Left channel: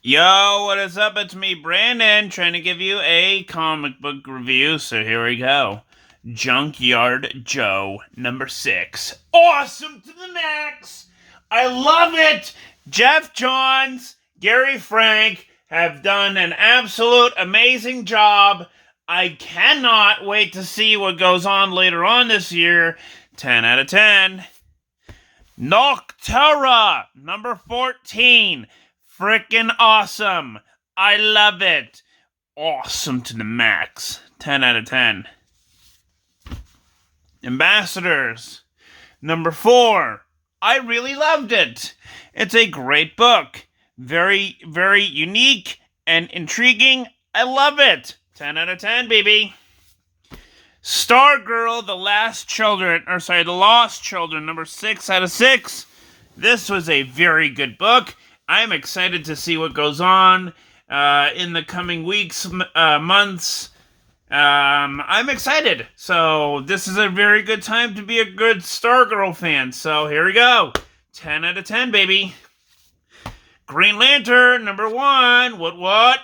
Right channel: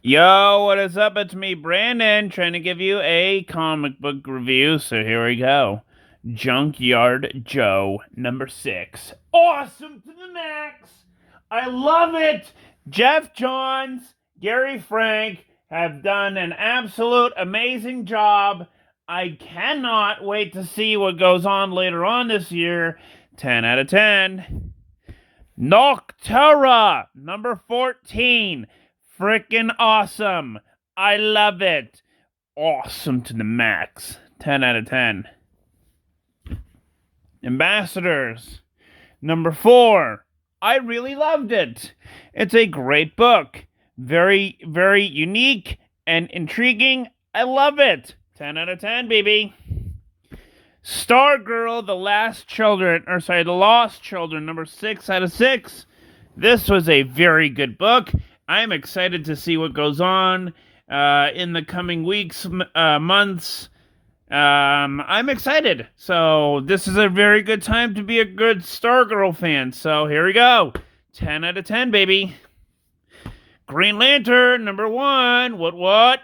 Yo, what is up? It's me, Brandon, trying to give you a comic book review. So here we go. Junkyard Joe, number 6. Awesome to the max! I love it! Jeff Johns, Gary Frank have done an absolute amazing job. I cannot wait to see what goes on later on this year. 10 out of 10. Noctura, number 14. Freaking awesome. I love it. Awesome to the max. 10 out of 10. Ambassadors, number 4. I really loved it. It's a great book. Very, very unique and intriguing. I love it. 10 out of 10, baby. Stargirl, The Lost Children, number 6 out of 6. This was a very good book. I'm excited to see what goes on in the coming weeks, months. I'm excited. So this is a very good time to be a good Stargirl fan. So here we go. 10 out of 10, baby. Green Lantern, number 1. What?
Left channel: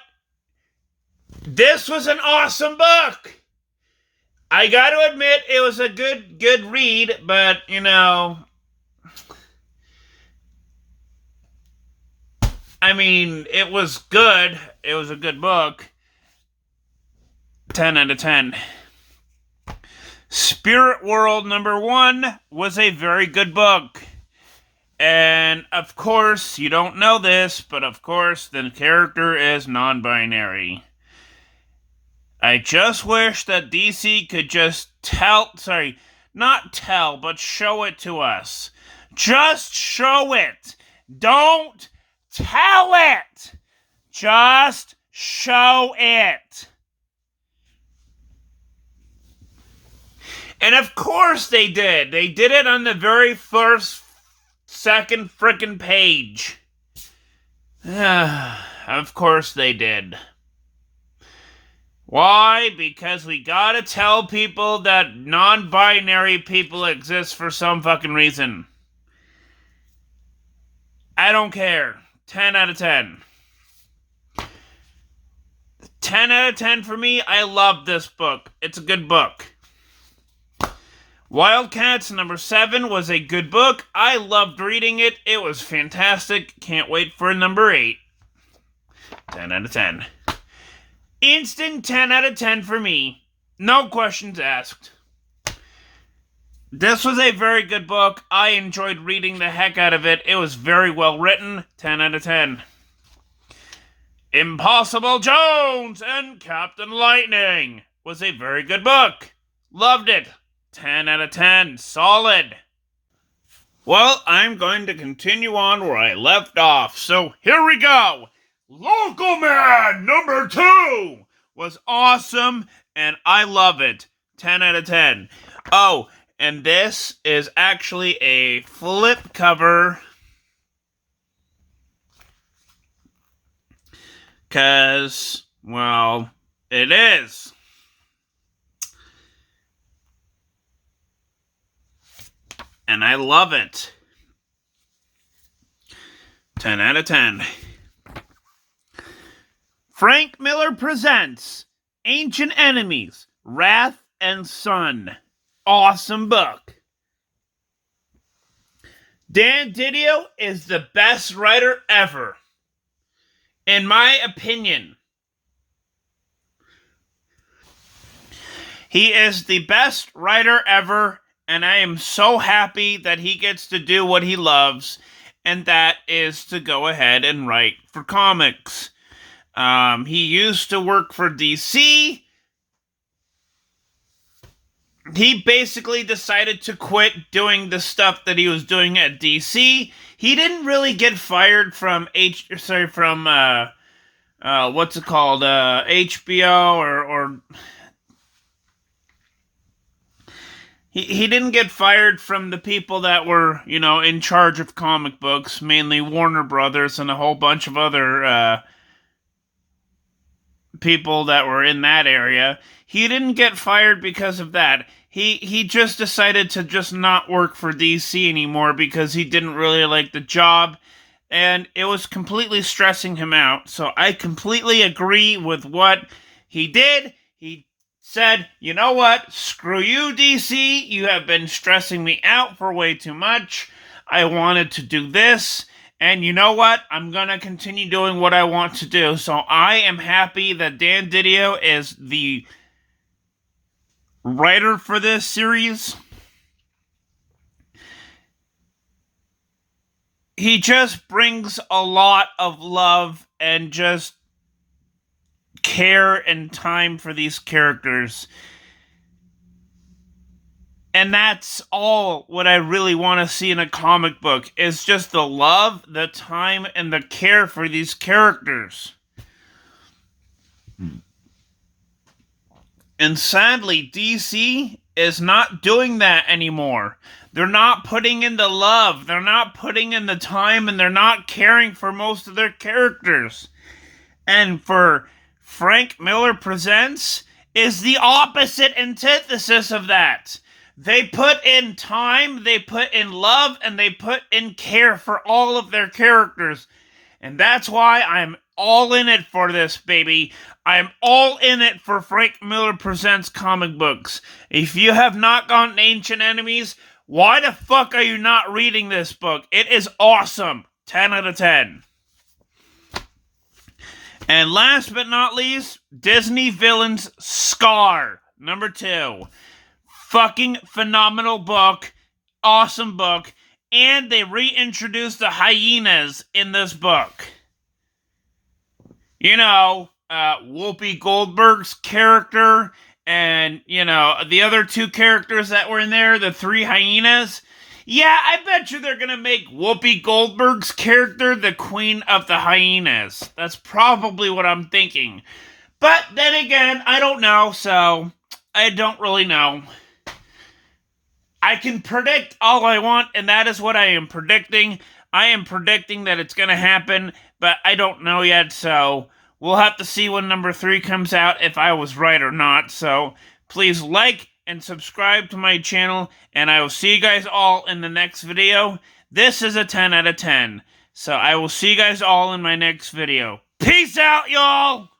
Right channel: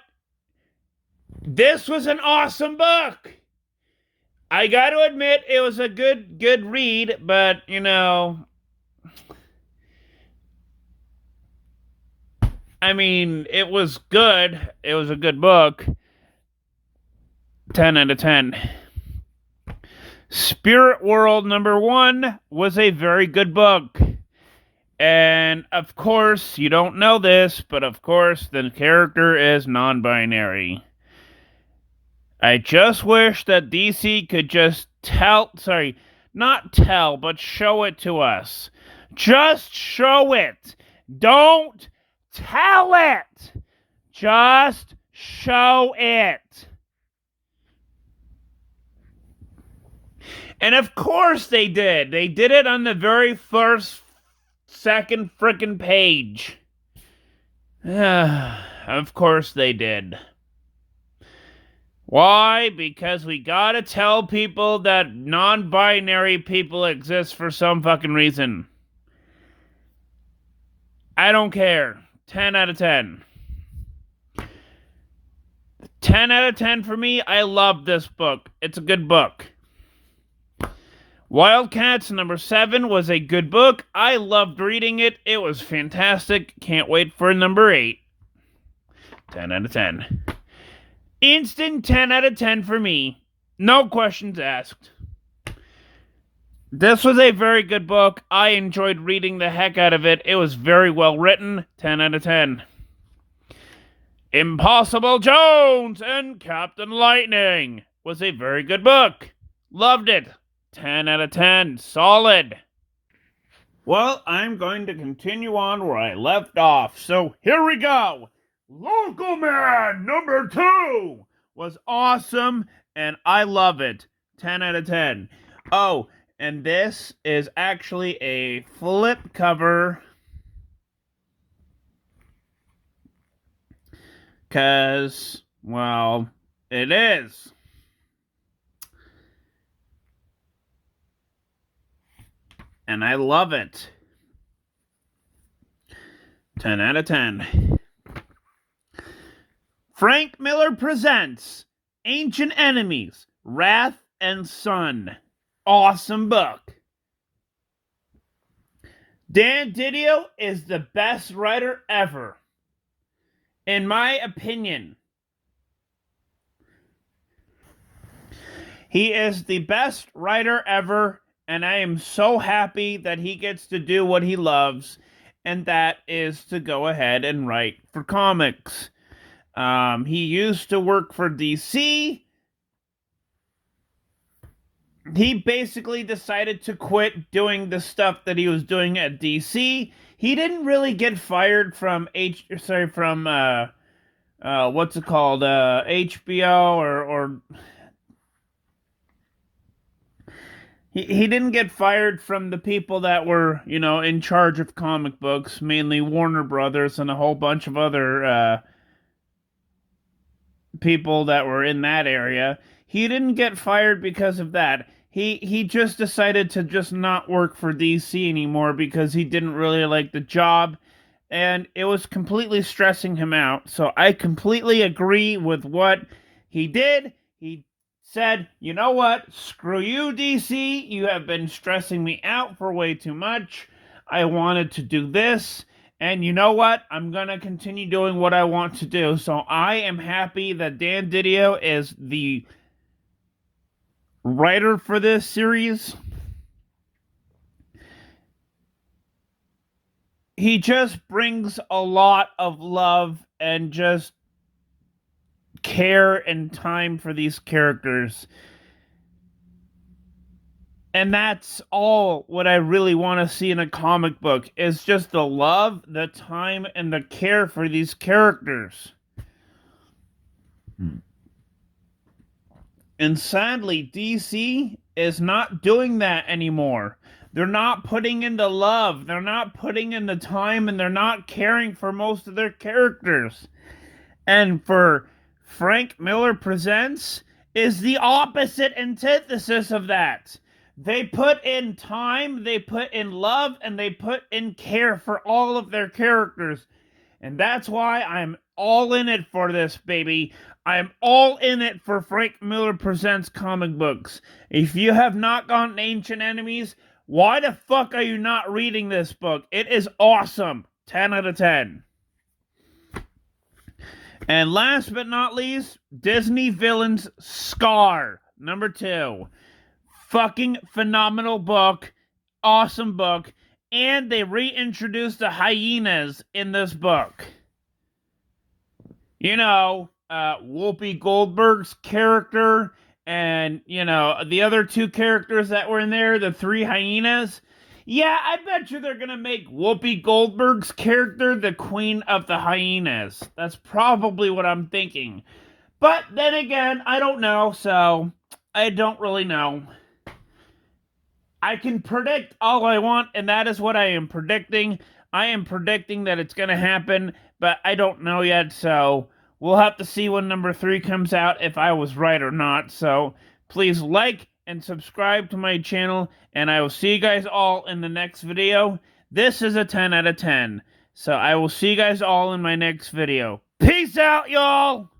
This was an awesome book. I got to admit, it was a good read, but, it was good. It was a good book. 10 out of 10. Spirit World, number 1, was a very good book. And, of course, you don't know this, but, of course, the character is non-binary. I just wish that DC could just not tell, but show it to us. Just show it. Don't tell it. Just show it. And of course they did. They did it on the very second frickin' page. Of course they did. Why? Because we gotta tell people that non-binary people exist for some fucking reason. I don't care. 10 out of 10. 10 out of 10 for me. I love this book. It's a good book. Wildcats, number 7, was a good book. I loved reading it. It was fantastic. Can't wait for number 8. 10 out of 10. Instant 10 out of 10 for me. No questions asked. This was a very good book. I enjoyed reading the heck out of it. It was very well written. 10 out of 10. Impossible Jones and Captain Lightning was a very good book. Loved it. 10 out of 10. Solid. Well, I'm going to continue on where I left off. So here we go. Local Man number 2 was awesome, and I love it. 10 out of 10. Oh, and this is actually a flip cover. Because, well, it is. And I love it. 10 out of 10. Frank Miller presents Ancient Enemies, Wrath and Sun. Awesome book. Dan Didio is the best writer ever. In my opinion. He is the best writer ever, and I am so happy that he gets to do what he loves, and that is to go ahead and write for comics. He used to work for DC. He basically decided to quit doing the stuff that he was doing at DC. He didn't really get fired from HBO or he didn't get fired from the people that were, in charge of comic books, mainly Warner Brothers and a whole bunch of other people that were in that area. He didn't get fired because of that. He just decided to just not work for DC anymore because he didn't really like the job. and it was completely stressing him out. So I completely agree with what he did. He said, you know what? Screw you, DC. You have been stressing me out for way too much. I wanted to do this. And you know what? I'm going to continue doing what I want to do. So I am happy that Dan Didio is the writer for this series. He just brings a lot of love and just care and time for these characters. And that's all what I really want to see in a comic book, is just the love, the time, and the care for these characters. And sadly, DC is not doing that anymore. They're not putting in the love, they're not putting in the time, and they're not caring for most of their characters. And for Frank Miller Presents is the opposite antithesis of that. They put in time, they put in love, and they put in care for all of their characters. And that's why I'm all in it for this, baby. I'm all in it for Frank Miller Presents comic books. If you have not gotten Ancient Enemies, why the fuck are you not reading this book? It is awesome. 10 out of 10. And last but not least, Disney Villains Scar, number 2. Fucking phenomenal book. Awesome book. And they reintroduced the hyenas in this book. You know, Whoopi Goldberg's character and, you know, the other 2 characters that were in there, the 3 hyenas. Yeah, I bet you they're gonna make Whoopi Goldberg's character the queen of the hyenas. That's probably what I'm thinking. But then again, I don't know, so I don't really know. I can predict all I want, and that is what I am predicting. I am predicting that it's going to happen, but I don't know yet, so we'll have to see when number 3 comes out if I was right or not. So please like and subscribe to my channel, and I will see you guys all in the next video. This is a 10 out of 10. So I will see you guys all in my next video. Peace out, y'all!